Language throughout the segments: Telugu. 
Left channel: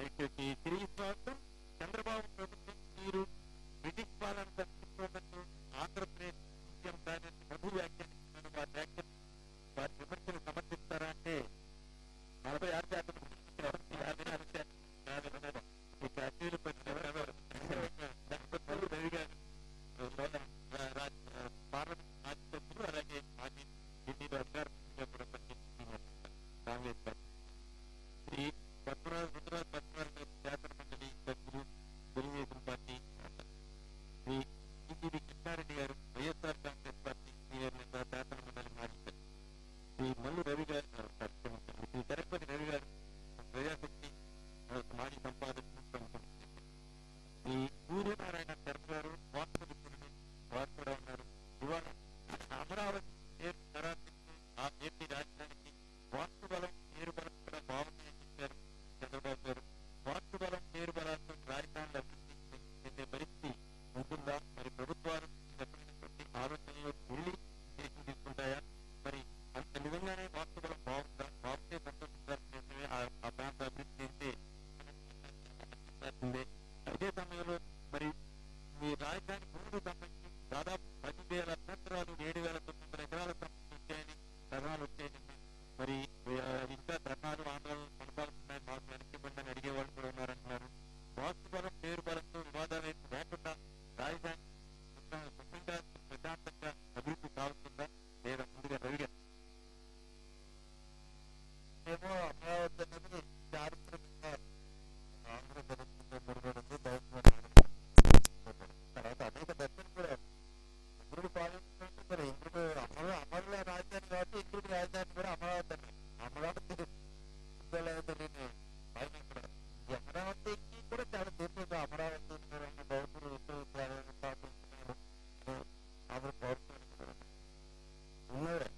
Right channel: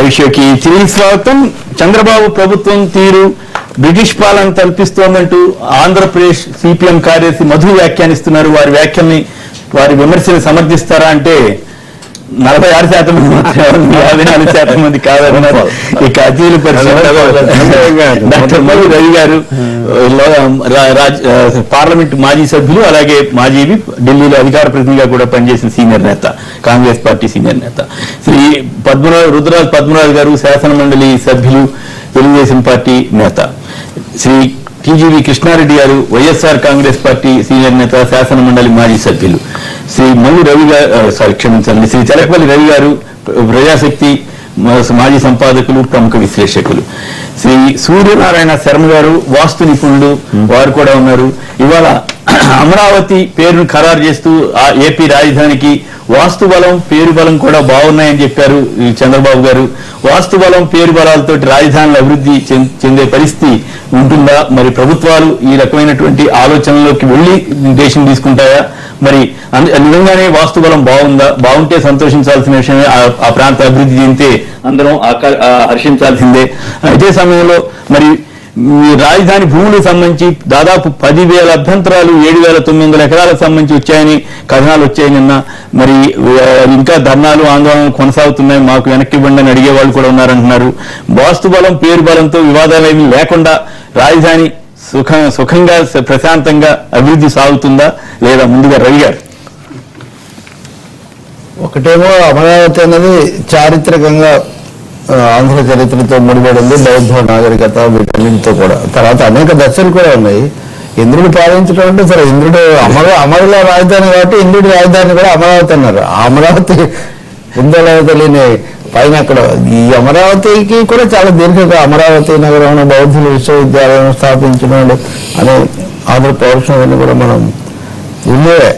లైవ్ షోకి తిరిగి స్వాగతం. చంద్రబాబు ప్రభుత్వం తీరు బ్రిటిష్ పాలన తలపిస్తోందంటూ ఆంధ్రప్రదేశ్ సిపిఎం కార్యదర్శి మధు వ్యాఖ్యానిస్తున్నారు. వారి వ్యాఖ్యల్ని, వారి విమర్శలు సమర్థిస్తారా అంటే 46% మంది మాత్రమే, 54% మంది కాదన్నారు. ఇక అతిథుల పరిషత్ డాక్టర్ మధు రవి గారు, పార్లమెంట్ మాజీ సభ్యులు, అలాగే మాజీ ఢిల్లీలో అధికార ప్రతినిధిగా కూడా పనిచేసిన సీనియర్ నేత, కాంగ్రెస్ పార్టీ సీనియర్ నేత శ్రీ రుద్రరాజు పద్మనాభ్ గారు, శాసన మండలి సభ్యులు, తెలుగుదేశం పార్టీ నేత శ్రీ టీజీవీ కృష్ణారెడ్డి గారు, వైఎస్ఆర్ కాంగ్రెస్ పార్టీ సీనియర్ నేత, శాసన మండలి మాజీ సభ్యులు, శ్రీ మల్లు రవి గారు, క్షమించండి, శ్రీ తెలకపల్లి రవి గారు, ప్రజాశక్తి మాజీ సంపాదకులు, ప్రముఖ విశ్లేషకులు, శ్రీ సూర్యనారాయణ శర్మ గారు, వాస్తు నిపుణులు, వారు కూడా ఉన్నారు. ఇవాళ అమరావతి పేరును ఖరారు చేస్తూ ఏపీ రాజధానికి వాస్తు బలం, పేరు బలం కూడా బాగున్నాయని చెప్పారు చంద్రబాబు గారు. వాస్తు బలం, పేరు బలాలతో రాజధానులు అభివృద్ధి చెందే పరిస్థితి ఉంటుందా? మరి ప్రభుత్వాలు ఈ రకమైనటువంటి ఆలోచనలోకి వెళ్లి దేశం తీసుకుంటాయా? మరి నిజంగానే వాస్తు బలం బాగుందా? బాగుంటే సంతోషించాల్సిన విషయమే. ఆ ప్రాంత అభివృద్ధి చెందితే అందరం హర్షించాల్సిందే. అదే సమయంలో మరి రాజధాని భూములకు సంబంధించి దాదాపు 10,000 అభ్యంతరాలు 7,900 ఎకరాలకు సంబంధించి వచ్చాయని కథనాలు వచ్చాయి నిన్న. మరి ఇంకా ధర్నాలు, ఆందోళనలు కొనసాగుతున్నాయి. మాకు వెనక్కి ఇవ్వండి అని అడిగే వాళ్ళు కూడా ఉన్నారంటున్నారు. వాస్తు బలం, పేరు బలంతో వివాదాలు ఏమీ లేకుండా రాజధాని సుఖంగా ప్రశాంతంగా అభివృద్ధి సాగుతుందా లేదా? ముందుగా రవి గారు. ఒకటేమో అమరావతి అన్నది చారిత్రకంగా ఆంధ్ర చరిత్రతో ముడిపడింది, బౌద్ధ నాగరికత వీటన్నింటితో కూడా. తర్వాత అనేక దశలు కూడా ఉన్నాయి. ఇంద్రుడు పాలించడం అంటే సరే, ఇంద్రుడు అమరుల రాజధాని కాబట్టి ఇంద్రుడి రాజధాని కూడా అమరావతి అన్నారు. ఆ అమరావతి ఉందో తెలియని పైన అక్కడ ఈ అమరావతికి కూడా చాలా దీర్ఘంగా అమరావతి నగరంలో బౌద్ధుల విశ్వవిద్యాలయం స్థాపించినాడు అనే ఆంధ్ర పౌరుషం కూడా మనం ఉండేవే.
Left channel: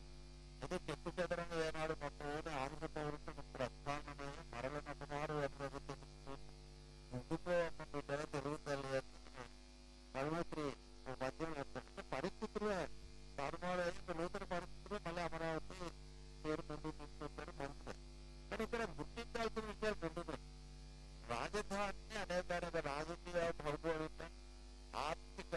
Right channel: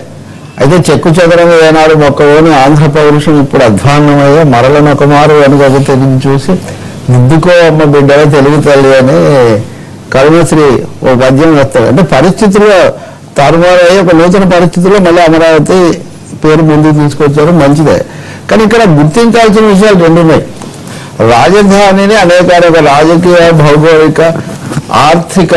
అయితే చెక్కు చెదరంగా ఏనాడు మొక్కలోని ఆంధ్ర పౌరుషం ఇప్పుడు అధ్వాన్నమయ్యే మరలనొక మారు వెనుక తిరిగి చూసి దిద్దుకో అమ్మ బిడ్డగా తెలుగు తల్లి అని కరుణశ్రీ ఓ పద్యం వస్తాడు. అంటే పరిస్థితుల్లో తారుమారయ్యే ఒక నూతన పరిస్థితుల్లో మళ్ళీ అమరావతి పేరు ముందుకు తీసుకొచ్చారు, మంచిదే. కానీ ఇక్కడ గుర్తించాల్సిన విషయాలు రెండు ఉన్నాయి. రాజధానిని అనేక రాజకీయ, భౌగోళిక, ఆర్థిక,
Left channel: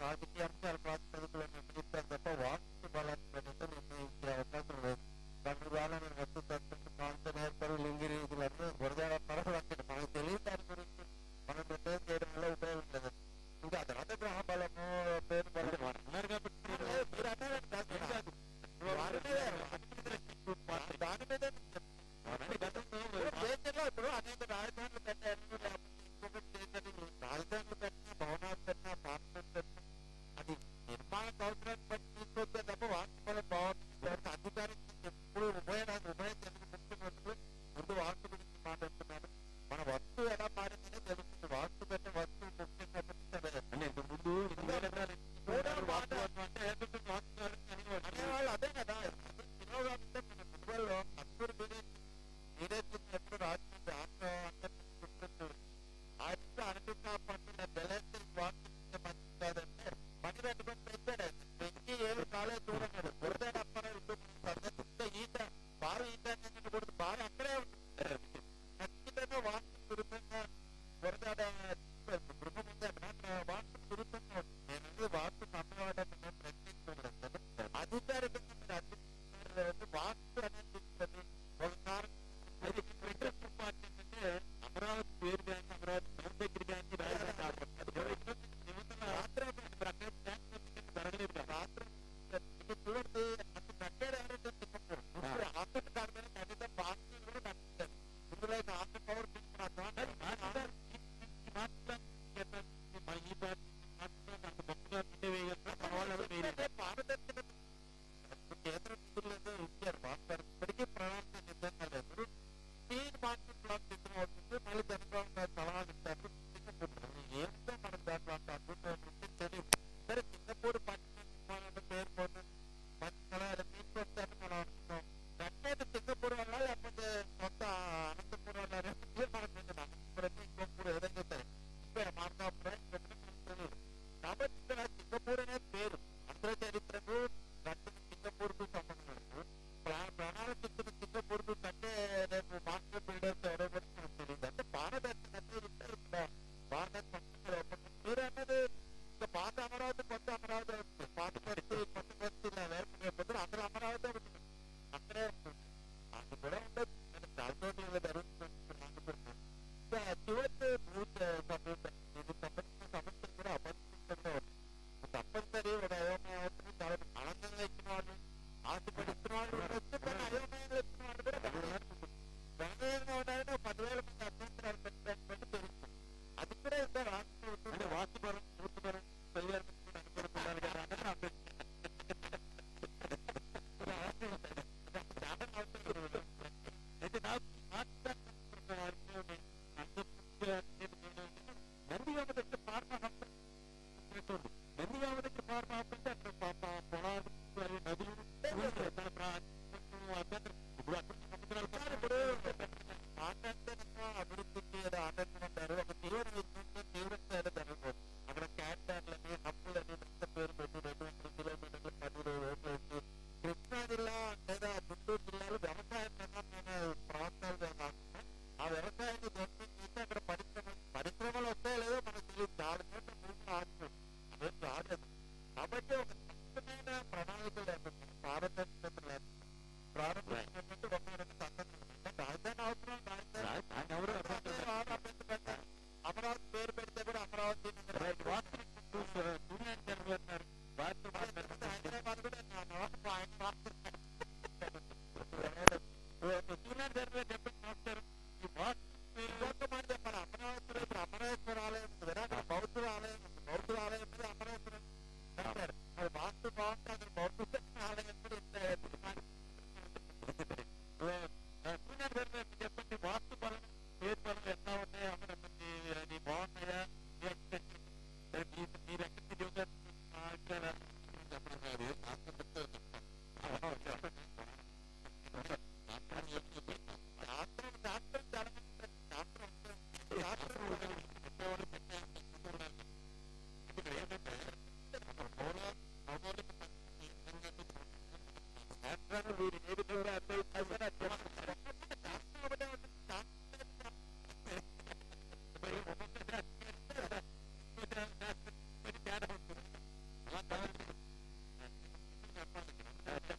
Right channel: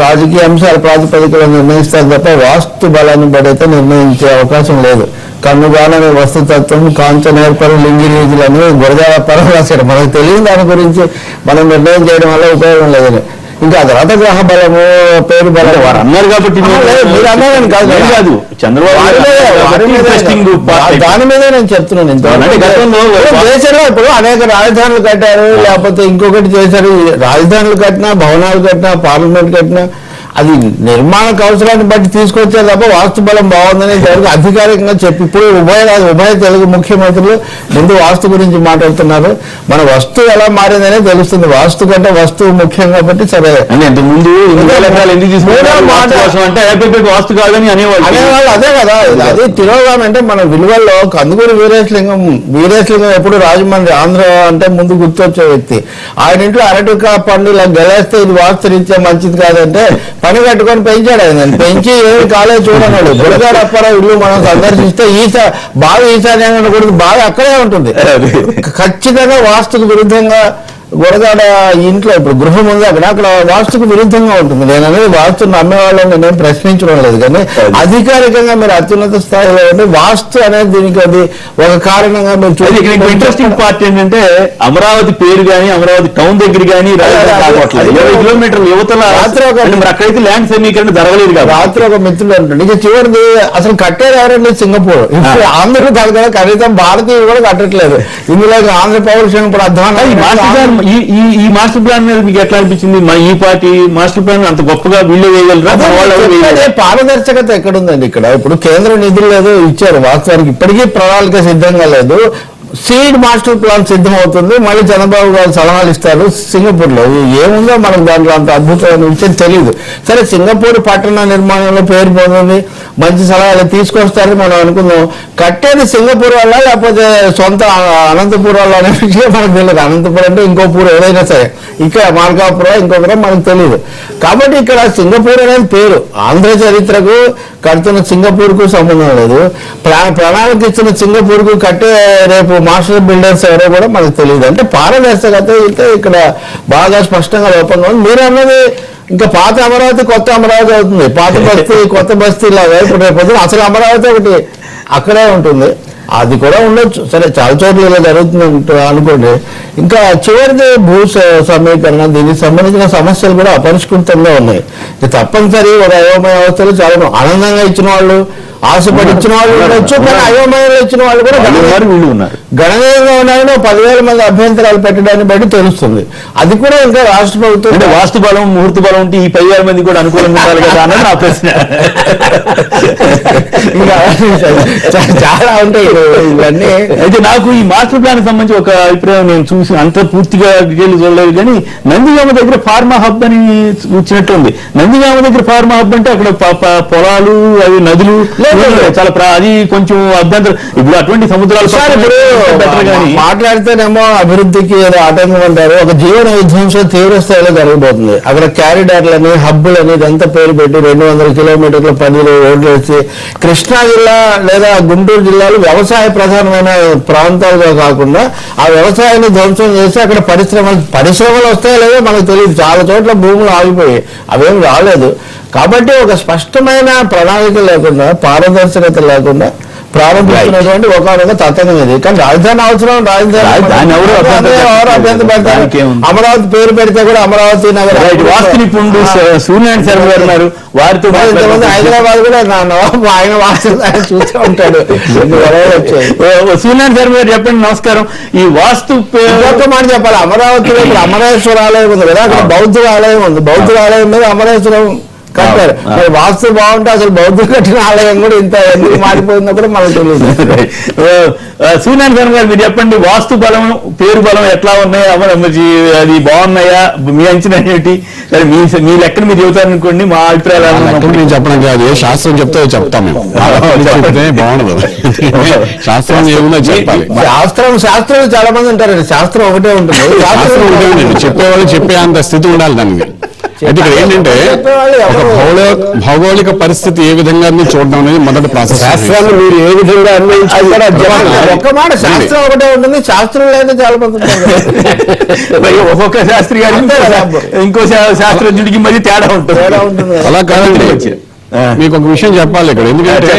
రాజకీయ అంశాల ప్రాతిపదికలో నిర్ణయిస్తారు తప్ప వాస్తు బలాన్ని బడైతే నిర్ణయించే అవకాశం లేదు. కన్నుగాలని వస్తుతత్వం, కాంచన ఏర్పడి లింగిరీజులని గురజాల పరవాసాడు. మనకు తెలియని దాని గురించి మనం నిర్ణయం చేయడం వల్ల ఉపయోగం లేదని. ఇంకా తర్వాత గ్రహ బలము, పేరు బలం వారు అన్నారు కాబట్టి మీరు అన్నారని కాదు, దాని మీదే నేను చెప్తున్నాను. దేశంలో ఇప్పుడు అనేక రాజధానులు కట్టారు, లేకపోతే ఇంకొకటి చేశారు. రాజధానులు కట్టినా, భవనాలు కట్టినా, పార్లమెంట్ కట్టినా అది నిర్మాణకు అవసరాన్ని బట్టి తీసుకొచ్చారు తప్ప వాస్తు బలం బాగుందని ఇంతవరకు అధికారికంగా చెప్పి ఇప్పుడు ఉభయ తెలుగు ముఖ్యమంత్రులు ముందు వాస్తు గురించి మాట్లాడుతున్నారు. మన వస్తువు ఎలా మారిందనే తెలుస్తుంది. వాస్తు కంటే వస్తువు ముఖ్యం కాబట్టి సరే ముందు వాస్తు కాదని అనేవాళ్ళు. అదే కదా, అది తిరోగామి. అంటే మన విలువల్లో కందుకూరి వీరేశలింగం ఎప్పుడు రాజమండ్రి ఆంధ్ర అంటే ముందు గుర్తొచ్చే వ్యక్తి. ఆయన ఇంట్లో అరటికా పండు ఇలా గెలేస్తే ఇది వాస్తు రీత్యా మంచిది కాదంటే పని కట్టుకొని పెంచాడు. ఆయన పెంచి ఏమి కాలేజ్ చూడన్నాడు. గురగాడ అప్పారావు ఇల్లు మనం సందర్శిస్తే బాగా ఈశాన్యంగా కూడా బాగా అక్కడే ఉంటుంది. ఖచ్చితంగా వాస్తుకు విరుద్ధంగా గురగాడ ఇంట్లో ఇప్పుడు గృహం ఉంది, అక్కడ వాస్తుకు విరుద్ధంగా ఉంటుంది. నేను అనేది వాస్తుని నమ్మే వాళ్ళని నేను ప్రశ్నించడం లేదు, కానీ అధికారికంగా మీరు అత్యున్నత స్థాయిలో ఉంటే వాస్తు అనేది దీనికి అది ఒక కారణంగా మీరు చూడండి. ఇంట్రెస్టింగ్ పార్ట్ ఏంటంటే అమరావతి పేరు కానీ, అమరావతి టౌన్ దగ్గర కానీ 20 కిలోమీటర్ల యువతల అక్కడైతే ల్యాండ్ సమీకరణ జరగలేదు కదా. రాత్రి ఒక మిత్రులు అంటుండే ఇక చివరిది అసలు కట్టేది ఎవరండి? సింగపూర్. ఇప్పుడు ఆంధ్ర కాదు కదా, కనీసం భారతీయులు కూడా కట్టట్లేదు. ఇందులో ఆంధ్ర పౌరుషం ఇప్పుడు అధ్వానం. ఈ మాస్టర్ ప్లాన్ మీద మీకు ఎట్లా అనిపించింది? ఈ పార్టీ మాస్టర్ ప్లాన్ అంత గొప్పగా వీళ్ళు వేయగలరా? పారదర్శకత ఎక్కడుందండి ఇక్కడ? ఇప్పుడు కేంద్ర నిధులు లేదు ఇచ్చారు, వాస్తవానికి ఇప్పటికీ ప్రణాళిక సిద్ధంగా లేదు. సీడ్ మాస్టర్ ప్లాన్ సిద్ధం అవుతుంది, మళ్ళీ చంద్రబాబు గారు సలహాలు ఇస్తారు. సింగపూర్ లో ఏముందో మనకు దాంట్లో అంత అద్భుతమైన విషయం తెలియదు. సరే, సింగపూర్ పట్టణ నిర్మాణంలో పేరు పొందింది, మంచి సలహాలు తీసుకొస్తారని మనం అనుకుందాం. కట్టేది సింగపూర్ వల్ల లేకపోతే సొంత అనంతపూర్ వల్ల అనే విషయం మనకు తెలియదు. అనంతపురం అంటే ఇంకో పూర్ ఏదైనా సరే, ఇక్కడ మార్కాపురం ఇంకొకటి మనకు తెలియదు. కాబట్టి ఇక్కడ సింగపూర్ అనేది పేరు. ఆంధ్ర చరిత్రకు కడుతున్న సింగపూర్ కు సంబంధం లేదు. ప్రణాళిక ఇస్తున్న సింగపూర్ కు కట్టే రేపు మాస్టర్ బిల్డర్స్ ఎవరో కూడా మనకు తెలియదు. అంటే పారదర్శకత అయితే ఇక్కడ బాగా స్పష్టంగా లోపంగా ఉంది. మీరు అన్నది ఇంకా పాత అమరావతి కొత్త అమరావతి అవుతుంది, పాత బస్తీ కొత్త బస్తీ లాగా. ఇప్పుడు రేపు అసలు అమరావతి ఒకటి అక్కడే ఉంటుంది, అది కూడా ఉండొచ్చు. సరే చాలా చోట్ల ఇలా జరుగుతుంది అనుకోండి. ఇంకా చివరిది భూ సమీకరణ, దీనికి సంబంధించిన సమస్యలు కూడా అపరిష్కృతంగా ఉన్నాయి. తప్పనిసరి ఒక అయోమయ అవస్థలు చాలా ఆనందంగా ఇచ్చిన వాళ్ళు, ఆశపడి ఇచ్చిన వాళ్ళు ఉండొచ్చు, కానీ అయోమయంలో ఇచ్చిన వాళ్ళు కూడా గణనీయంగా ఉన్నాయని 10,000 మంది అభ్యంతరాలు పెట్టడాన్ని బట్టి తెలుస్తుంది. అది కూడా ఇంకా రాష్ట్ర ప్రభుత్వం వాస్తు బలం ముహూర్త బలం ఉంటే ఈ 10,000 మంది కూడా అనుకూలంగా ఉండాలి కదా అన్నది నా ప్రశ్న. ఇంకా చాలా ఉంటాయి ఇవన్నీ. అయితే నాకు ఈ మాస్టర్ ప్లాన్ సంబంధించి ఒక అభిప్రాయం నేను చూసి అంత పూర్తిగా డీటెయిల్ చూడలేదు, కానీ నందిగామ దగ్గర ఫార్మా హబ్ అని వచ్చినట్టుంది. నందిగామ దగ్గర ఫార్మా హబ్ అంటే అక్కడ పొలాలు, అవి నదులు చాలా అది కొంచెం అభ్యంతరం. ఇప్పుడు అటువంటి సముద్రాలు మాట్లాడితేనేమో అభివృద్ధికి ఏదో ఆటంకం అంటారు. ఒక జీవన విధ్వంసం తీవ్ర స్థాయిలో జరగబోతుంది. అక్కడ క్యారిడార్లని, హబ్బులని ఇదంతా పేరు పెట్టి 200 కిలోమీటర్ల పరిధిలో రోడ్లు వేసి కృష్ణా జిల్లా లేదా గుంటూరు జిల్లాలు వ్యవసాయ ప్రధానమైన ప్రాంతాలుగా కాకుండా ఆ వ్యవసాయాన్ని ధ్వంసం చేసి అక్కడ పరిశ్రమలు వస్తాయో లేదో మనకు తెలియదు. చాలా చోట్ల భూములు ఆగిపోయి అవేం రాలేదు. కాబట్టి ఒక స్పష్టమైన ప్రణాళిక లేకుండా, పారదర్శకత లేకుండా ప్రారంభించినటువంటి ఒక తతంగం ఇది. కానీ రాజధాని అవసరం, రాజధాని ఎవరు అభ్యంతరం పెడతారు. అమరావతి పేరు పెడితే కూడా అమరావతి నగరం. వాస్తు నిపుణుడు సూర్యనారాయణ శర్మ గారు ఉన్నారు, వారితో ఇంతమంది హైదరాబాద్ కూడా ఆయన వాస్తు చూస్తూ ఉంటాడు. సూర్యనారాయణ శర్మ గారు చెప్పండి. నమస్కారం. ఈ వాస్తు ఒక్క మాట చెప్పాలి, అమరావతిలో ఇప్పుడు అమరేశ్వర ఆలయం ఉంది కదా, అక్కడ బౌద్ధ ఆలయం ఉంది. బౌద్ధ ఆలయం మీద అమరేశ్వరం కట్టారు. వాస్తు బాగుంటే అసలు బౌద్ధులు కట్టిన ఆలయం కూడా ఇంత ఎందుకు మారిపోయిందో కూడా మనకు తెలియదు. సూర్యనారాయణ శర్మ గారు మీరు చెప్పండి, వాస్తు బలం పేరు బలం ఎట్లా ఉన్నాయి, అది బాగున్నాయా, మీ అంచనా ఏంటి? మీ లెక్కన మీరు చెబుతారనుకోండి, మా అభిప్రాయాలు నేను చెప్పడం కాదు, శాస్త్రం చెప్తే చెప్తాం మేము. చెప్తే బాగుండదు, శాస్త్రం ఏముందో చెప్పాలి. శాస్త్రం చాలా మంది ఉంటారండి, శాస్త్రం ఒకటే ఉంటుంది. శాస్త్రం ఒకటే ఉంటుంది, చెప్పేవాళ్ళు చెప్పే అంత స్థితి ఉండాలి దానికి. అయితే ఇక్కడ ఏంటంటే ఒక భౌగోళిక పరిస్థితి ఏ విధంగా చూడడం అనేది మొదటి ప్రాసెస్. శాస్త్రాన్ని మీరు ఏ విధంగా ఒక్క మాట శాస్త్రం ఒకటే ఉంటుంది, శాస్త్రం లేదా చాలా మంది ఒక్కొక్క శాస్త్రి గారు ఇంకో శాస్త్రజ్ఞుడికి మధ్య తేడా ఉంటుంది. అలా కాదండి, మీకు ఒక విషయం చెప్పాలి ఇక్కడ. ఎందుకంటే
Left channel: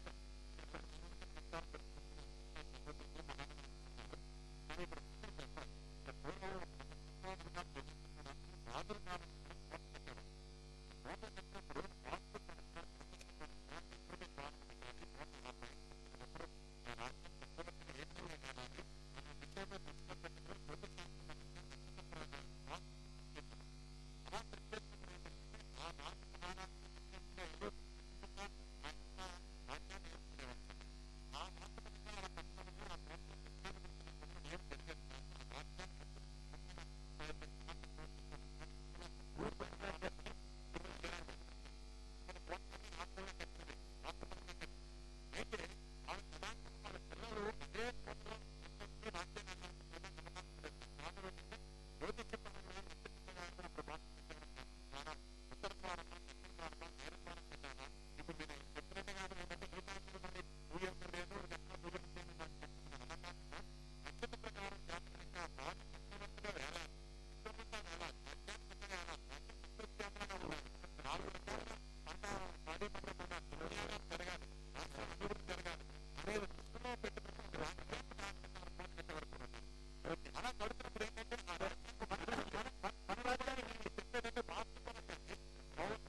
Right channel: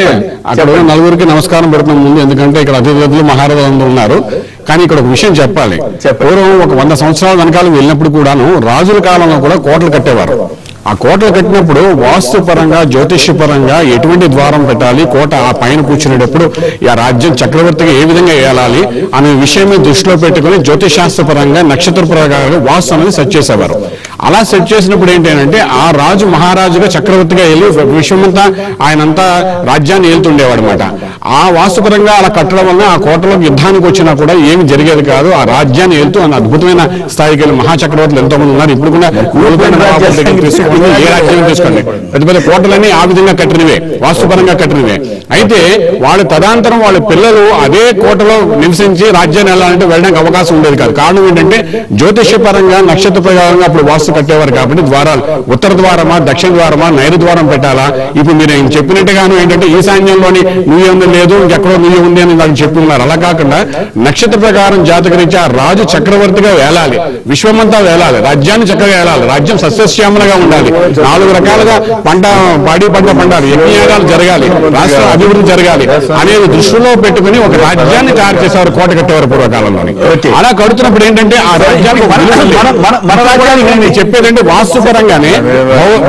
అక్కడ నలుగురికి నమస్కారం పెడుతున్నాం ముందు, ఎందుకంటే ఇక్కడ అతిథులు మహారాజులు ఉన్నారు. కానీ ఇక్కడ ఒక విషయం చెప్పాలి. పూర్వం ఒక 100 సంవత్సరాల వెనకాల వెళ్ళినప్పుడు కూడాను రాజుల కాలంలో కూడా కోటలు కట్టేవారు. ఆ కోటలు కట్టినప్పుడు వాస్తు పరంగా, జ్యోతిష్య పరంగా ఎటువంటి ద్వారం పెట్టాలి, కోట ఆ పైన కూర్చునేటప్పుడు ఆ రాజ్యం చక్రవర్తిగా ఏ విధంగా ఏలాలి అనే విషయమే దృష్టిలో పెట్టుకుని జ్యోతిషాస్త్ర పరంగా, నక్షత్ర ప్రకారంగా వాస్తు అనేది సెట్ చేసేవారు. అలా సెట్ చేసినప్పుడు ఏంటంటే ఆ రాజు మహారాజుగా చక్రవర్తిగా వెళ్ళి విశ్వమంతా ఆయనంతా రాజ్యాన్ని ఏలుతుండేవాడు అనమాట. ఆ వాస్తుపరంగా అలా కట్టడం వల్ల ఆ కోటలో యుద్ధానికి వచ్చినా కూడా ఏమి జరిగేది కాదు. ఆ రాజ్యాన్ని ఏలుతూ అన్న అద్భుతమైన స్థాయికి వెళ్ళి మహాచక్రవర్తులు ఎంతో మంది ఉన్నారు. ఇప్పుడు కూడా ఏ రాజ్యం తీసుకోండి, పెద్ద పెద్ద కోటలన్నీ ఆ విధంగా కట్టినవే, వాస్తుపరంగా కట్టినవే. అయితే వాళ్ళు తదనంతరం వాళ్ళ పిల్లలు అదే కోటలో నివసించి రాజ్యాన్ని వెళ్ళాలంటే వెళ్ళడానికి అవకాశం ఉండేది కాదు. కారణం ఏంటంటే జ్యోతిష్య పరంగా, నక్షత్ర ప్రకారంగా అప్పుడు వాస్తు కట్టేవారు కాబట్టి ద్వారాలు ఉత్తర ద్వారమా, దక్షిణ ద్వారమా, నైరు ద్వారం పెట్టాలా. ఇప్పుడు మీరు చెప్పినట్టుగాను ఏంటంటే ఈశాన్యంలోని నువ్వే ఉంది లేదు, ఇంకెక్కడో నువ్వే ఉంది అని వాళ్ళు చెప్పి ఉన్నారు. అలా కాకుండా నక్షత్ర ప్రకారం జాతకరీత్యా రాజు చక్రవర్తిగా వేలాలి, విశ్వమంతా వేలాలి, రాజ్యాన్ని చక్కగా వేలాలి, రాజ్యం సస్యశ్యామలుగా ఉండాలి, 4 రకాలుగా పాడి పంట పండాలి, యజ్ఞయాగాలు జరగాలి, రాష్ట్ర అభివృద్ధి జరగాలి అనేది దృష్టిలో పెట్టుకుని ఒక రాజ్యాన్ని తయారు చేసేవారు, కోట కట్టేవారు పూర్వకాలంలోని. అలా కడుతున్నప్పుడు ఏంటంటే ఆ రాజ్యానికి చెప్పేదంటే వాస్తు పరంగానే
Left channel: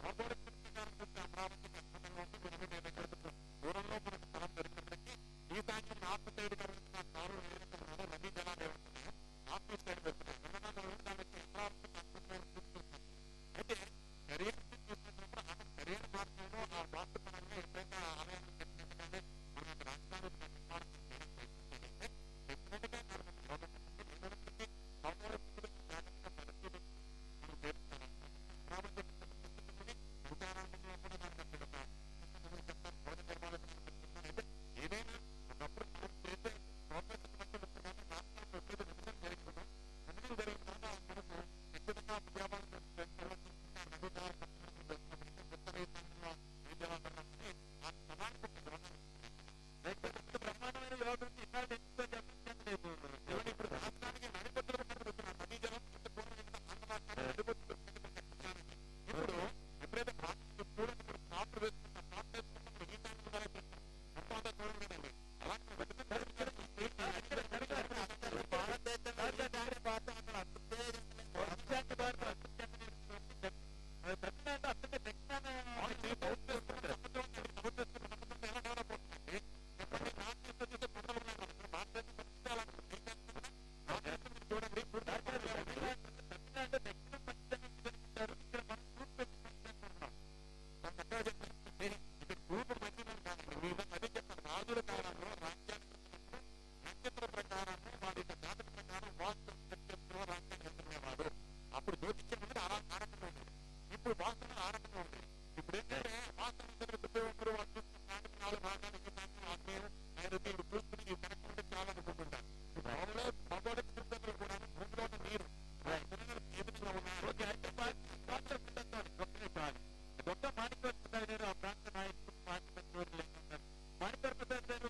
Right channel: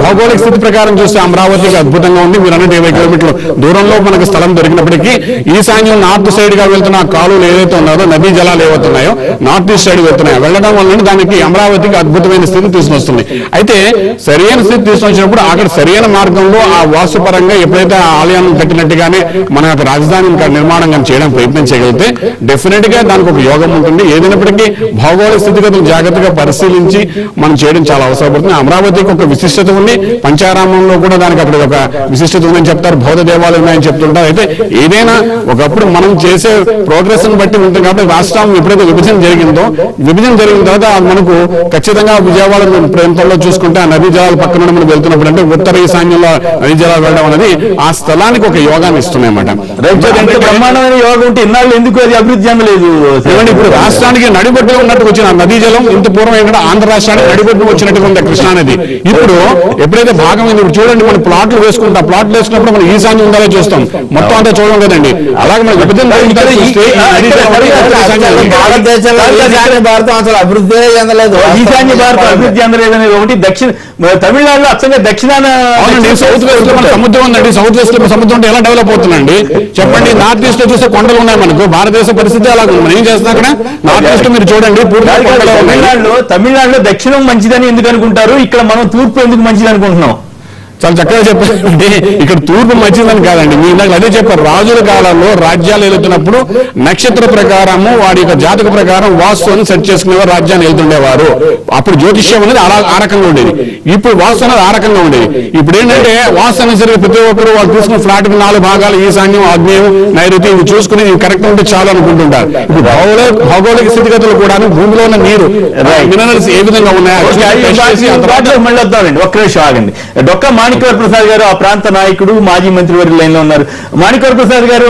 భౌగోళిక స్థితి ప్రకారం చూస్తే అమరావతికి అద్భుతంగా ఉంది. మీరు అన్నట్టు 20 కిలోమీటర్ల దూరంలో మనకు స్థలం దొరికినప్పటికీ ఈశాన్యం నార్త్ సైడ్ గా వెళ్తున్న కాలువలు ఏదైతే ఉన్నారో, నదీ జలాలు ఏవవుతున్నాయో నార్త్ ఈస్ట్ సైడ్ వెళ్తున్నాయో, వెళ్ళడం వల్ల దానికి అమరావతికి అద్భుతమైన స్థితి తీసుకొస్తుంది. అయితే సరైన స్థితి తీసుకొచ్చినప్పుడు అక్కడ సరైన మార్గంలో ఆ వాస్తు పరంగా ఎప్పుడైతే ఆలయాన్ని కట్టినట్టుగానే మన యొక్క రాజధాని నిర్మాణం కానీ చేయడం ప్రయత్నం చేయగలిగితే డెఫినెట్ గా దానికి ఒక యోగం ఉంటుంది. ఏదైనప్పటికీ భౌగోళిక స్థితిగతులు జాగ్రత్తగా పరిశీలించి మనం చేయడం చాలా అవసరపడుతుంది. అమరావతికి ఒక విశిష్టత ఉంది, పంచారామంలో కూడా దానికి అక్కడ ఒక విశిష్టత ఉందని చెప్తారు, బౌద్ధ దేవాలయం ఉన్నాయని చెప్తుంటారు. అయితే ఏదైనా ఒకప్పుడు మనం చేసే ప్రోగ్రెస్ ని బట్టి ఉంటుంది. కాబట్టి రాష్ట్రం ఎప్పుడైతే విభజన జరిగిన తర్వాత మనకు ఖచ్చితంగా విజయవాడ ప్రాంతంలో చూసుకుంటే ఆ నదీ జలాలు జలాల పక్కన నుండి మనం వెళ్తున్నప్పుడు అంటే ఉత్తర ఈశాన్యంలో నదీ జలాలు వెళ్ళడం అనేది ఆ స్థలానికి ఒక యోగాన్ని ఇస్తున్నాయన్నమాట. అంటే బ్రహ్మాండమైన యోగం ఉంటే ఇన్నాళ్ళు ఎందుకు అది అభివృద్ధి చెందలేదు? ఇప్పుడు రాష్ట్రానికి నడిబొడ్డుగా ఉన్నట్టు వచ్చిన నదీ జలం ఇంత పూర్వం ఏంటంటే ఆంధ్ర రాష్ట్రానికి నడిబొడ్డు వచ్చినట్టుగా ఉంది కృష్ణా నది. ఇప్పుడు ఎప్పుడైతే భాగమైంది, ఇప్పుడు చూడండి మనం ప్లాట్లు వేసుకుంటాం, ప్లాట్లు వేసుకున్నప్పుడు మనం ఈశాన్యం ఉండాలో చూస్తాం, మొత్తం అంతా చూడడం కదండి. అలాగే మనం విభజన భారతం అసలు అభివృద్ధి చెందలేదు, ఈశాన్య భారతం అభివృద్ధి చెందలేదు అనేది ఒకటి. తమిళనాడులో అచ్చంగా దక్షిణాన సౌత్ వెస్ట్ లో మన సముద్రం ఉందండి, సౌత్ వెస్ట్ లో సముద్రం ఉంటే ఎలా డెవలప్ అవుతుందండి చెప్పండి. నార్త్ ఈస్ట్ లో చూస్తే కొండలు ఉన్నాయి మనకు, భారతదేశ పరిస్థితి అలాగే ఉంది. మనం ఏం చేస్తున్నాం అక్కడ నార్త్ ఈస్ట్ మీరు చూడండి తమిళనాడులో దక్షిణం మంచిదని ఎందుకు అనుకుంటారు, ఇక్కడ మనం తూర్పు ఎందుకు మంచిది అనుకుంటున్నాం? చాలా చక్కగా చెప్పారండి. ఇక్కడ తూర్పు మంచిదని కాదండి, మీ ఇందాక అదే చెప్పారు. రాజుల కాలంలో రాజ్యాలు వెళ్తున్నప్పుడు నక్షత్ర ప్రకారము వాడి యొక్క జాతక ప్రకారం వాస్తుని సెట్ చేసుకునేవారు, రాజ్యాన్ని వెళ్తుండేవారు. అప్పుడు జ్యోతిష్యం అనేది ఆ రకంగా ఉండేది, ఇప్పుడు వాస్తు అనేది ఆ రకంగా ఉండేది. ఇప్పుడు ఏంటంటే వాస్తు అనేసరికి ప్రతి ఒక్కరు వాళ్ళు తీసుకున్న ఫ్లాట్ కి 4 భాగాలు ఈశాన్యం, ఆగ్నేయం, నైరుతి ఇవి చూసుకుని ఇవి కరెక్ట్ ఉంటే చాలు అనుకుంటుంటారు. ఇప్పుడు భౌగోళిక స్థితిగతులు కూడా భూమిలో ఉన్న నీరు మినరల్స్ ఏ విధంగా ఉన్నాయో మళ్ళీ వద్దామండి. ఒక్క నిమిషం ఆగండి. డొక్కా మాణిక్యవర ప్రసాద్ గారు ఆ ప్రాంత నాయకుడు, మాజీ మంత్రివర్యులు లైన్ లో ఉన్నారు. మాణిక్యవర ప్రసాద్ గారు,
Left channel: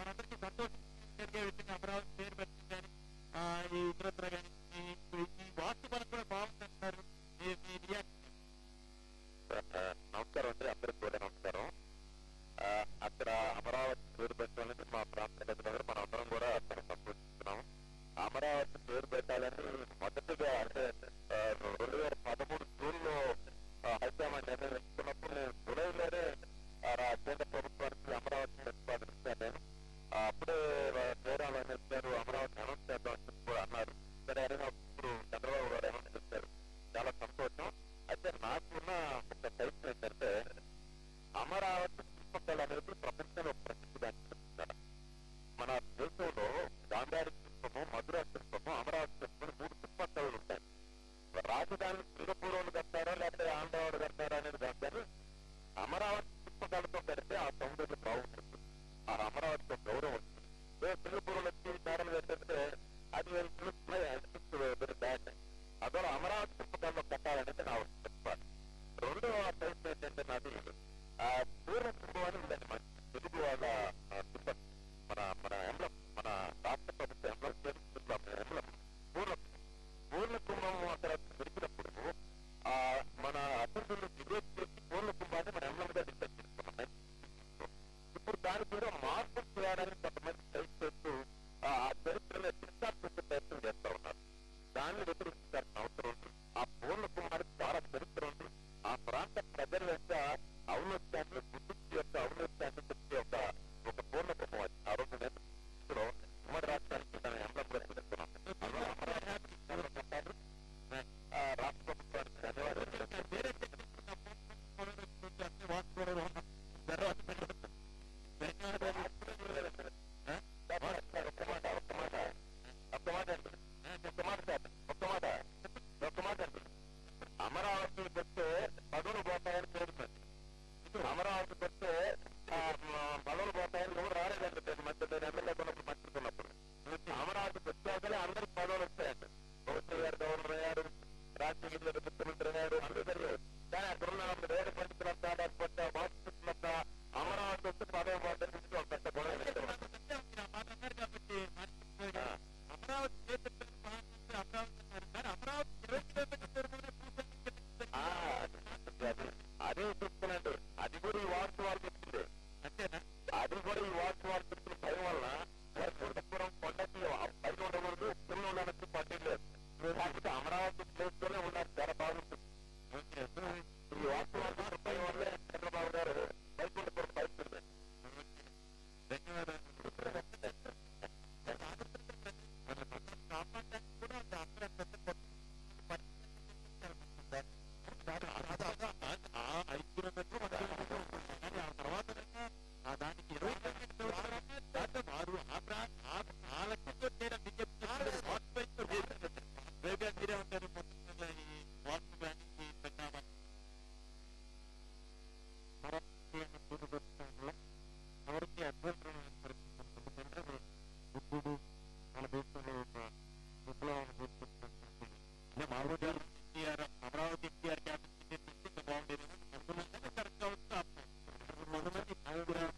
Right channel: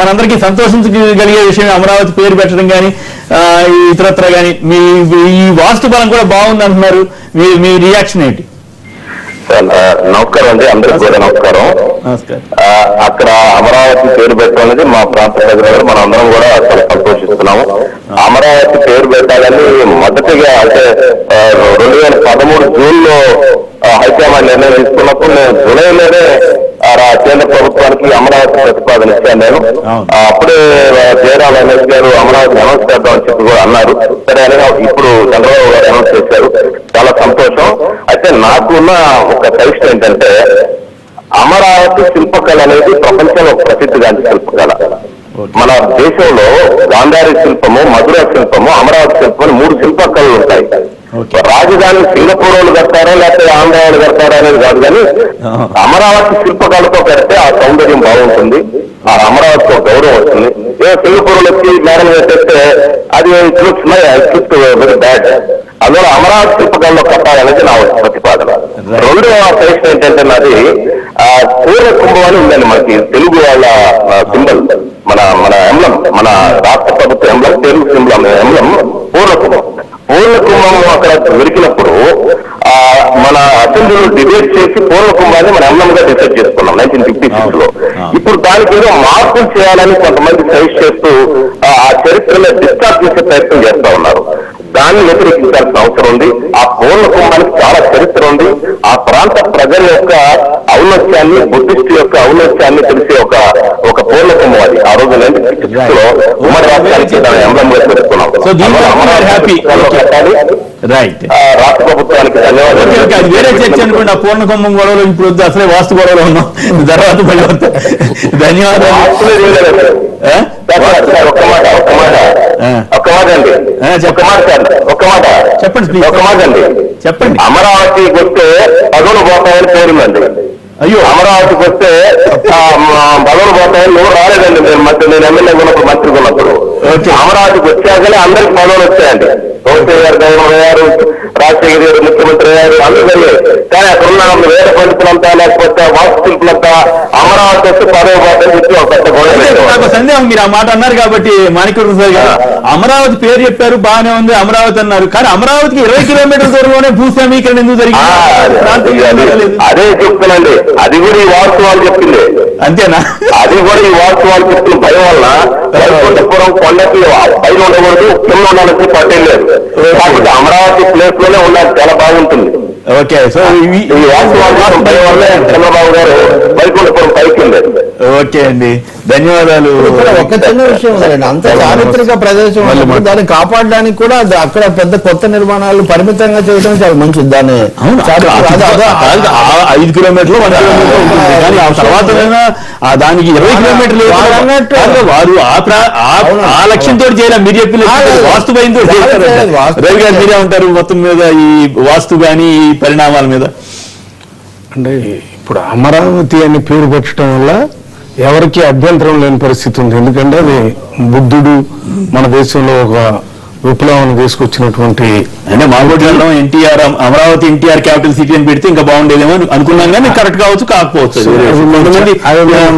మనందరికీ సంతోషించగలిగే విషయం అమరావతి పేరు పెట్టడం కానీ ఇతరత్ర కానీ ఈ వాస్తు బలం కూడా బాగుంది అంటున్నారు. మీ రియాక్షన్ ఏంటి? నమస్కారం అండి, అందరికి కూడా నమస్కారం. అక్కడ అమరావతి పేరు పెట్టడం అనేది మా ప్రాంత ప్రజలు మనం అందరం కూడా చాలా సంతోషిస్తున్నాము. అమరావతి పేరు పెట్టాలని మొదటిగా అంటే 2013 జూన్లో హైకమాండ్ నిర్ణయం తీసుకున్నప్పుడు నేను జూలైలోనే కేంద్ర ప్రభుత్వానికి అమరావతి ప్రతిపాదన ఇచ్చాను నేను. అప్పుడే జయరాం రమేష్ గారు అమరావతి అనౌన్స్ చేద్దామని చెప్పి కూడా అన్నారు. సరే అని ఇప్పుడు చంద్రబాబు గారు అనౌన్స్ చేశారు, చాలా సంతోషం. అయితే నాకున్న ఒక సజెషన్ ఏంటంటే, అమరావతి శిల్పకళ అనేది ప్రపంచంలో ప్రసిద్ధిగాంచిన శిల్పకళ. మన దేశంలో గాంధారి శిల్పము, మధుర శిల్పము, అమరావతి శిల్పం 3 శిల్పకళలు ఉంటాయి. రాజధాని సింగపూర్ వాళ్ళు కడతారా లేకపోతే ఆంధ్ర వాళ్ళు కడతారా అనేది కాదు, కానీ అమరావతి శిల్పకళతో పెడితే ఆ సౌందర్యం బాగుంటుంది, ఆ అమరావతితో గౌరవం వస్తుంది. సింగపూర్ వచ్చి మేడలు పెట్టేస్తే అది వెరీ బ్యాడ్. అందువల్ల అమరావతి శిల్పకళలో కట్టాలనేది నా ప్రతిపాదన. రెండవ సజెషన్ ఏంటంటే నాది పూర్ణ కుంభం అని ఉందండి మనకి తెలుగు వాళ్ళ సింబల్, మన ఎంబ్లం, మన రాష్ట్ర ప్రభుత్వ ఎంబ్లం, తెలుగు సింబల్ ఎంబ్లం పూర్ణ కుంభం. పూర్ణ కుంభం అక్కడ దొరికినప్పుడు మన అసెంబ్లీలో డిబేట్ చేసి పూర్ణ కుంభాన్ని మన ఎంబ్లంగా డిసైడ్ చేసుకున్నాం 1956 లో. ఇప్పుడు దానికి ఏదో మార్పులు చేయాలని కొంతమంది సజెస్ట్ చేస్తూ ఆ చరిత్రలో డిస్టార్ట్ చేసే ప్రయత్నం చేస్తా ఉన్నారు. దాన్ని వ్యతిరేకించాల్సిన అవసరం ఉంది. ఆ పూర్ణ కుంభానికి చాలా చరిత్ర ఉంది. ఆ ప్రాంత ప్రజల యొక్క ఔన్నత్యాన్ని, బుద్ధిస్ట్ యొక్క ఔన్నత్యాన్ని తెలిసే ఒక పూర్ణ కుంభం అది. ఆ రోజు 1956 లో ఉమ్మడి రాష్ట్రానికి దాని ఎంబ్లంగా పెట్టుకున్నాం. రాష్ట్ర ప్రభుత్వానికి ధన్యవాదాలు. వేరే చర్చ అనుకోండి. ఆ పూర్ణ కుంభం గొడవలు ఇప్పుడు వద్దు, అసలే వాస్తు గొడవలు ఉన్నాం, తర్వాత ధన్యవాదాలు. ఒక్క మాట అండి, చెప్పండి. అమరావతికి వస్తే పదవులు పోతాయని పేరుందండి. అయ్యో, అమరావతికి వస్తే పదవులు పోతాయని నువ్వు రాలేదండి. నేను ఎమ్మెల్యే ఉన్నప్పుడు, మంత్రి ఉన్నప్పుడు. అమరావతికి వచ్చాకనే అందరికి పదవులు వచ్చాయండి. రోహన్ గారు గవర్నర్ అయ్యారు, రాజశేఖర్ గారు ముఖ్యమంత్రి అయ్యారు, అందరూ అయ్యారు. కానీ అక్కడ ఉన్న వేద పండితులంతా లేకపోతే వాస్తు శిల్పులంతా అమరావతి వస్తే పదవి పోతాయని చెప్పి ఒక పెద్ద గొడవ. సందేహం, మీరు ఆ మాట అన్నారు కాబట్టి మాణిక్యవర ప్రసాద్ గారు అమరావతి పేరు చెప్పారు, బాగానే ఉంది, అమరావతి అన్నారు. కానీ అమరావతికి 20 కిలోమీటర్ల దూరంలోనే భూసేమీకరణ ఎందుకు జరిగింది? అదే చెప్తున్నాండి, అది కూడా ఈ వాస్తవాలు చెప్పింది. అంతేనా? అది కూడా ఈ వాస్తవాలు చెప్తున్న భయం వల్ల వైకుంఠపురం కొండకి పైన ఉండకూడదు, కింద ఉండాలని పట్టేయలేదు. కాబట్టి అమరావతి ప్లేస్ లోనే ఉండాలి, చాలా బాగుంటుంది. ఓకే, సో ఈ వాస్తవాలు భయం వల్లే చంద్రబాబు గారు వైకుంఠపురం పైకి ఉండేది. ఓకే అండి, ధన్యవాదాలు. ఒక చిన్న విషయం ఉందండి, అంత చారిత్రక ప్రదేశం దాన్ని కాపాడడానికి కూడా అక్కడ పెద్ద కొత్త నిర్మాణాలు పరిమితంగా చేయడం చాలా మంచిది. దాన్ని 5 కిలోమీటర్లు 1 కిలోమీటర్ ఉంటుంది, కానీ ఆ తర్వాత దానికి 20 కిలోమీటర్లు వారు ఆ లక్ష్యంతో చేయాలి. మీరు చెప్పిన వాస్తు భయంతో రవి గారు మీరే ఉంటారు మొత్తం మీద ఈ వాస్తు కానీ ఈ పరిణామాల మీద? అంటే ఇప్పుడు అమరావతి అని పేరు పెట్టడం వల్ల ఎవరికి అభ్యంతరం లేని పరిస్థితి ఉంది. ఎందుకంటే అది బుద్ధుడు మన దేశంలో ఒక విప్లవాన్ని తీసుకొచ్చినటువంటి అంటే మాగోడ్లలో ఎన్టీఆర్ అమరావతి ఎన్టీఆర్ క్యాపిటల్ సిటీ అని పెడితే ఇంకా బాగుండేదేమో అనుకున్నాం కానీ కరెక్ట్ కావచ్చు కాకపోవచ్చు. కొంతమంది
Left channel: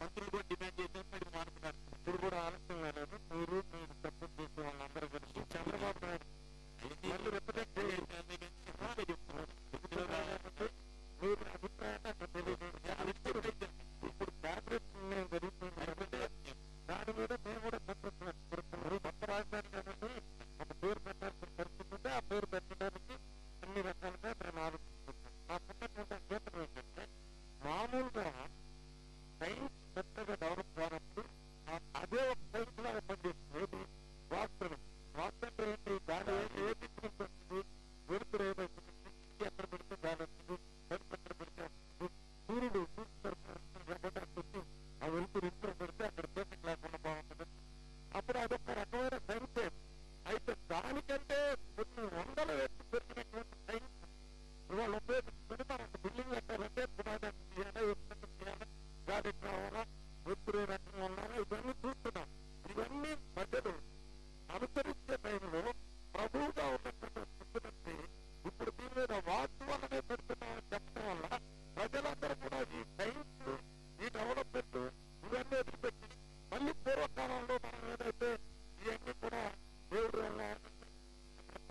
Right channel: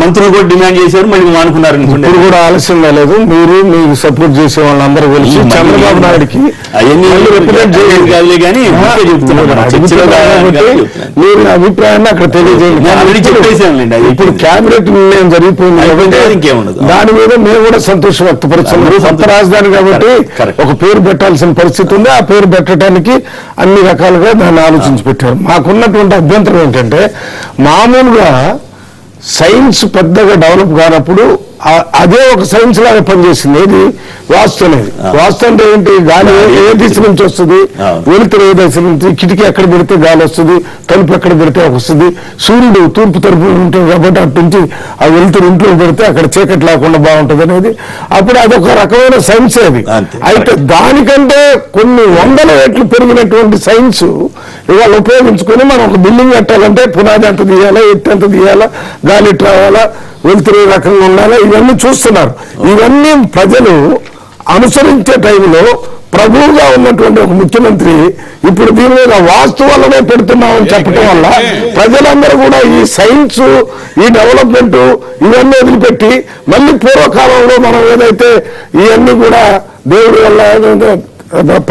మంత్రులు కూడా డిమాండ్ చేశారు, మళ్ళీ మానుకున్నారు. ఇప్పుడు కూడా ఆలస్యం కాలేదు. మీరు మీకు సపోర్ట్ చేసే వాళ్ళందరూ కలిసి చంద్రబాబు నాయుడుకి అవన్నీ రిప్రజెంట్ చేయలేదు కాదులే కానీ మీరు అభిప్రాయాన్ని అక్కడ తెలియజేయండి. చెప్పేసాంలేండి. ఇప్పుడు క్యాబినెట్ నిర్ణయం జరిగిపోయింది కాబట్టి ఇంకేముండదు. దాని మీద మేము కూడా సంతోషం వ్యక్తపరుస్తున్నాం. సొంత రాజధాని కాబట్టి ఒక పేరు పెట్టాల్సిన పరిస్థితి ఉంది. ఆ పేరు పెట్టడానికి అన్ని రకాలుగా దాన్ని ఆలోచించి పెట్టారు. మాకున్నటువంటి అభ్యంతరం ఏంటంటే, మామూలుగా సైన్స్ పెద్దగా డెవలప్ కానప్పుడు అదే ఒక సైన్స్ లాగా పనిచేసింది. ఏది వాస్తు అనేది. వాస్తు అంటే ఏంటి? గాలి ఏ దిశ నుంచి వస్తుంది, వెలుతురు ఏ దిశ నుంచి, కిటికీ ఎక్కడ పెడితే గాలి వస్తుంది, తలుపు ఎక్కడ పెడితే వస్తుంది, సూర్యుడు తూర్పు తలుపు ఉంటుంది కాబట్టి అటు నుంచి ఆ వెలుతురు ఇంట్లో పెడితే అక్కడ చీకటి లేకుండా బాగుంటుంది అనేది. అప్పుడు అదొక రకమైన సైన్స్ అది. అయితే దానికంటే కొన్ని వందల రెట్లు పెరిగినటువంటి సైన్స్ ఇవాళ ఉపయోగించుకొని మనం ఒక బిల్డింగ్ కట్టాలంటే పునాది ఎంత తీయాలా, ఎత్తు ఎంత తీయాలా, గాలి ఎట్లా రావాలా, వెలుతురు రకంగా ఉండాలా, ఇవన్నీ చూస్తున్నారు. ఇవన్నీ ప్రజలు అనుసరించే టైంలో ప్రభువుగా ఉన్నటువంటి ఒక ముఖ్యమంత్రి ఇప్పుడు దీని మీద వాస్తు వల్లనే పెడుతున్నామని చెప్పడం వల్ల ప్రజలందరూ కూడా ఈ సైన్స్, ఈ డెవలప్మెంట్ ఇవన్నీ వదిలిపెట్టి మళ్ళీ పూర్వకాలంలో మనం ఏదైతే ఇవన్నీ కూడా దేవుడి వల్ల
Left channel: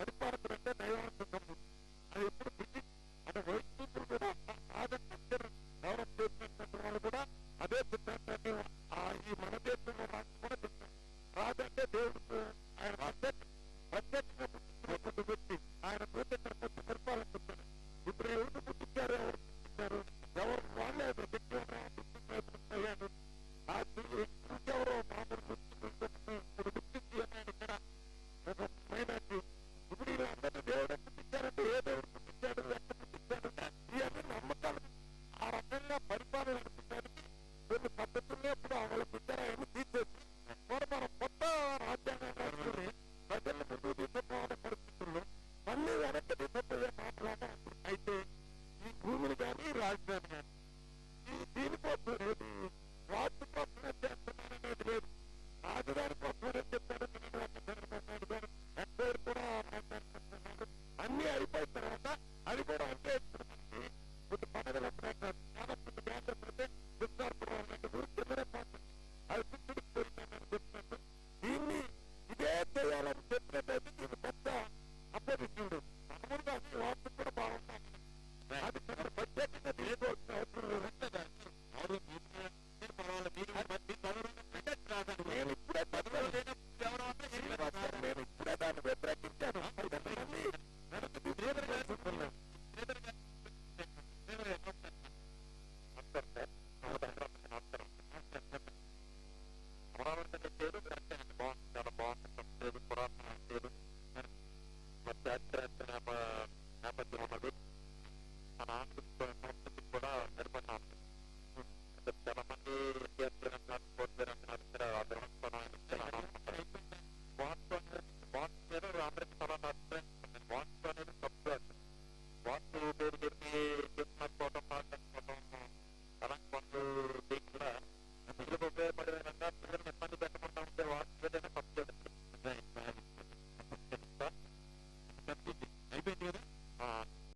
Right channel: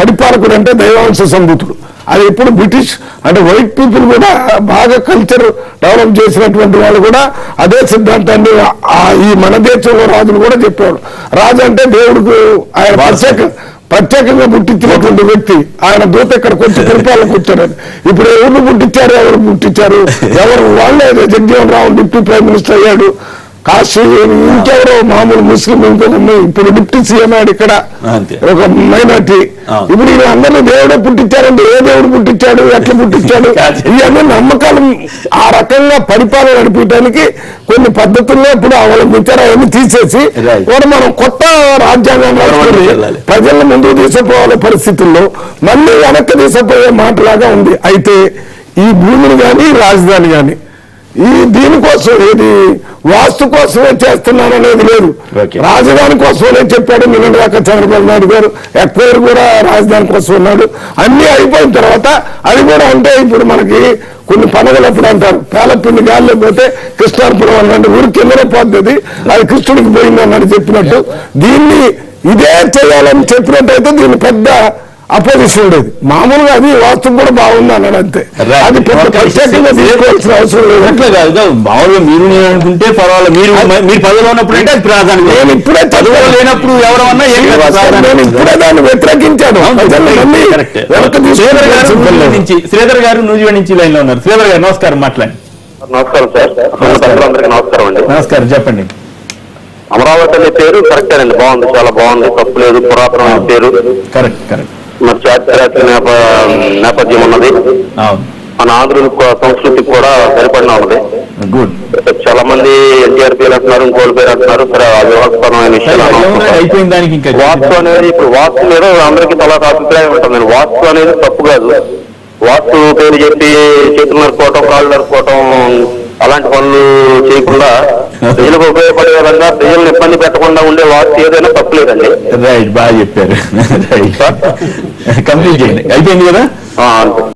పరిపాలకుడు అంటే దైవాంశ సంభూతుడు, అది ఎప్పుడు బ్రిటిష్ అంటే వైట్ పీపుల్ కూడా బాగా కల్చర్ డెవలప్ చేసినటువంటి వాళ్ళు కూడా అదే సిద్ధాంతాన్ని ఈ మన దేశంలో రాజులు కూడా చెప్పాడు. రాజు అంటే దేవుడికి ఆయన ప్రత్యేకంగా పుట్టించినటువంటి వ్యక్తి. ఆయన దూత ఇక్కడికి వచ్చి పరిపాలనకు వచ్చారని. ఇప్పుడు ఎవరు పుట్టించారు, ఎవరు వాళ్ళే. Jaganmohan Rao deputy prime minister అయ్యాడు. కాశీ ఇంకెవరో మామూలు ముస్లిం ఇంకొక ఇప్పుడు డిప్యూటీ సీఎం అయ్యాడు ఇక్కడ ఒక మైనార్టీ. ఇప్పుడు వీళ్ళందరినీ దేవుడే పుట్టించారంటే ఏ దేవుడు పుట్టించాడు, ఎట్లా పుట్టించాడు, ఇవన్నీ నమ్మకాలు. ఆ రకంగా పరిపాలన నడిపించడానికి కొన్ని పద్ధతుల్లో ఇప్పుడు అవలంబించారు. అవన్నీ తీసేసి కూడా మనం కొత్త రాజ్యాంగం రాసుకొని ప్రజలను ముందుకు తీసుకుపోవాలే పరిస్థితుల్లో మళ్ళీ వెనక్కి తీసుకుపోయే మాటలాగా ఉంది. అయితే ఈ భూమిని కానీ రాజధాని కానీ దీనికోసం ఏది వాస్తు కోసమే చేస్తున్నాను అనేది లేదు. రాజధాని కోసమే చెప్పాడు నిన్న దాకా చంద్రబాబు నాయుడు గారు. ఎక్వైర్ కూడా రాజధాని కోసం ఉన్నాడు. అన్ని అయిపోయిన తర్వాత అది కూడా అంటే ఇప్పుడు మనకి కొన్ని పండుగలు ఎప్పుడు అంటారు, పేలపిండి గాల్లో పోతే కృష్ణార్పురం అన్నట్టు ఊరికి కిందనే పోతుంది, అది కృష్ణుడికి పోయింది అన్నట్టు చెప్పినట్టు దీన్ని ఇదే చేయాలని చెప్పినట్టయితే దీన్ని పెద్ద అపోజిషన్ ఉండేది. మామూలుగా అది వాస్తవం కూడా బాగుంది అన్నాడు అంతే. అది ప్రత్యేకంగా తీసుకోవాల్సిన అవసరం లేదు. అట్లా కాదు, మామూలుగా మీరు అనుకుంటే పర్వాలేదు. మీరు పదవిలో ఉన్నప్పుడు అంటే అది ప్రాధాన్యం. నేను ఇప్పుడే పదవిలో లేనప్పుడు ఎవరన్నా నేను ఇప్పుడే దాన్ని వ్యతిరేకించాను. శ్రీధర్ గారు నూజివీడు నుంచి లైన్ లో ఉన్నారు. శ్రీధర్ గారు నమస్కారం, మాట్లాడండి. నమస్కారం సార్. అందరికీ నమస్కారం అండి. నమస్కారం, చెప్పండి. అమరావతి అనే పేరు కరెక్టేనండి, బాగుంది, చాలా బాగుంది, తప్పు లేదు. పురాతనమైన పేరు, కరెక్ట్. మరి చారిత్రక నేపథ్యం ఉన్నది. మన ఆంధ్రుల సంస్కృతికి కూడా సరిపడిన ఉన్నది. గుడ్. చాలా మంది ఎన్టీఆర్ పేరు అంటున్నారు, ఇంకోటి పేరు అంటున్నారు. సరే అది వివాదాస్పదమైన విషయాలు. వాస్తు అనేది ఇప్పుడు వాస్తు మీద అందరికీ చాలా అభిప్రాయం ఉంటుందండి. వాస్తు అనేది తప్పు కాదు. వాస్తు పేరు చెప్పి చేతులు నరుకోవటం, కాళ్ళు నరుకోవటం అలాంటి పనులు చేయకుండా ప్రజలకు ఉపయోగపడే విధంగా ప్రజలను ఇబ్బంది పెట్టకుండా ఉండే వాస్తు ఏదైనా తప్పులేదండి. రైట్, బాగా చెప్పారు. కంప్లీట్ చేయండి, అయిపోయింది కదా.